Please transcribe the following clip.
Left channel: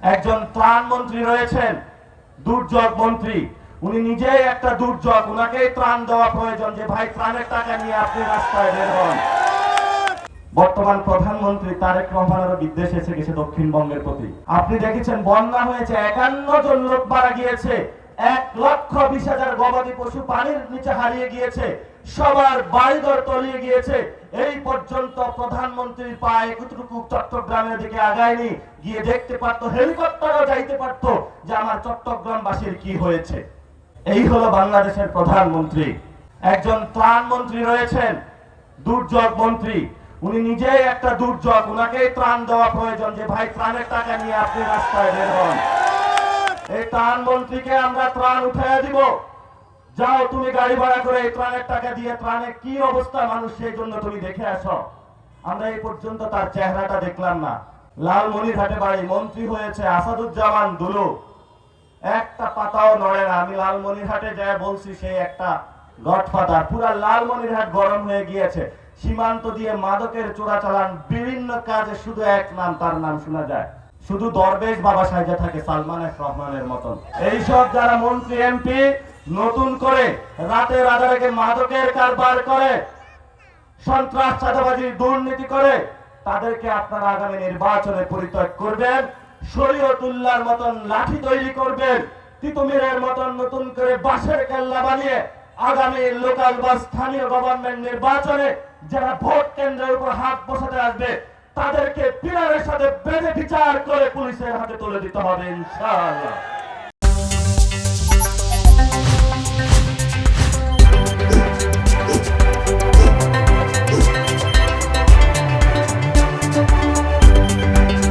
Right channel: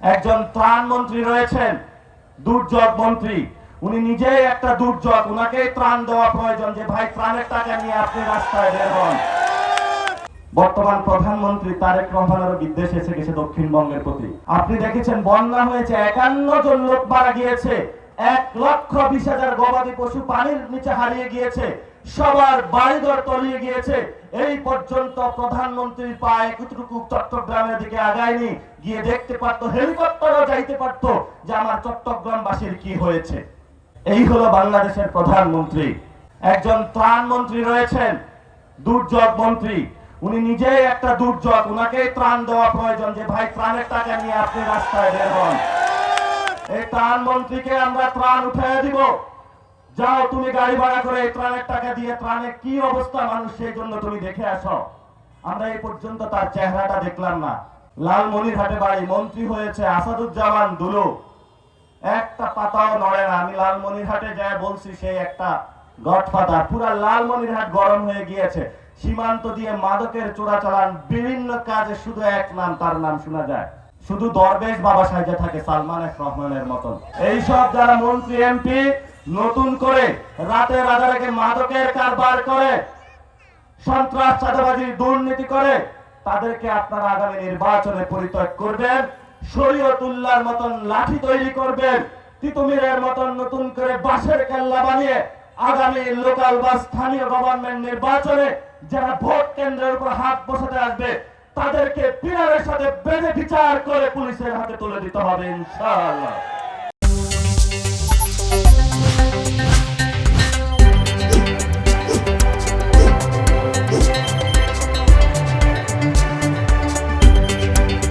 একজন ত্রাণ মন্ত্রী রয়েছেন, দুর্যোগ মন্ত্রী। উনি নিজেই একটা দুর্যোগ, উনাকে ত্রাণ দেওয়া প্রয়োজন যে ভাই ত্রাণের টাকা নিয়ে আপনি রাস্তায় বের হন। বর্তমান প্রধানমন্ত্রী তারেক রহমানেরও বিদ্বেষ এসে গেছে দক্ষিণবঙ্গের প্রতি। আপনি দেখেছেন বন্যা হয়েছে, 51 জন লোক মারা গিয়েছে, 1,20,000 গবাদি পশু পানির নিচে হারিয়ে গিয়েছে, সবার বাড়িঘর তলিয়ে গিয়েছে। এই পর্যন্ত প্রধানমন্ত্রীর পা এতটুকু চট্টগ্রামের দিকে আগায়নি, গিয়ে দেখতে পারতো, হেলিকপ্টারও যাইতে পারতো যে আমার চট্টগ্রামবাসীর কি হয়েছে। এই হলো বাংলাদেশের প্রধানমন্ত্রী। একজন ত্রাণ মন্ত্রী রয়েছেন, দুর্যোগ মন্ত্রী। উনি নিজেই একটা দুর্যোগ, উনাকে ত্রাণ দেওয়া প্রয়োজন যে ভাই ত্রাণের টাকা নিয়ে আপনি রাস্তায় বের হন। এই ত্রাণ মন্ত্রীকে আমরা ত্রাণ উঠাইয়া দিব। যাও তুমি গাড়ি ভাড়া করে এই ত্রাণের টাকা দিয়ে ত্রাণের কি অবস্থা মানুষ, সেই জন্য তুমি দেখে আসো। আমরা এই পর্যন্ত তার চেহারাটা দেখলাম না। লালমনিরহাটে বাড়ি, মন্ত্রী হয়েছে আসাদুজ্জামান দুলু, একটা পাতাও নড়ে না। আমি লালমনিরহাটে যাই বলছি সে একটা গডফাদার। পুরা লালমনিরহাট গরম হয়ে গিয়েছে। সীমান্ত দিয়ে মাদকের চোরাচালান, বিভিন্ন কাজে শুধু এক নাম, তার নাম শোনা যায়, শুধু দরবেশ বাবা সাইজে থাকে সালমান এফ রহমানের মতন। এইসব যারা মন্ত্রী এমপি নতুন করে রাতের আধারে মাদকের কারবার করে, সন্ত্রাস চাঁদাবাজির দুর্নীতি করে, তাদেরকে আপনারা আগামী নির্বাচনে পরিত্যাগ করবেন। শরীয়তুল্লাহর মতন লাঠি তৈরি করবেন, তিতুমিরের মতন নতুন করে বাঁশের কেল্লা বানিয়ে আগামী লোকাল বা স্থানীয় গভর্নমেন্ট নির্বাচনে যারা ভোট কেন্দ্রের উপর হাত বসাতে আসবে তাদেরকে পিলারের সাথে বেঁধে বিচার করে পুলিশের হাতে তুলে দিতে হবে ইনশাআল্লাহ।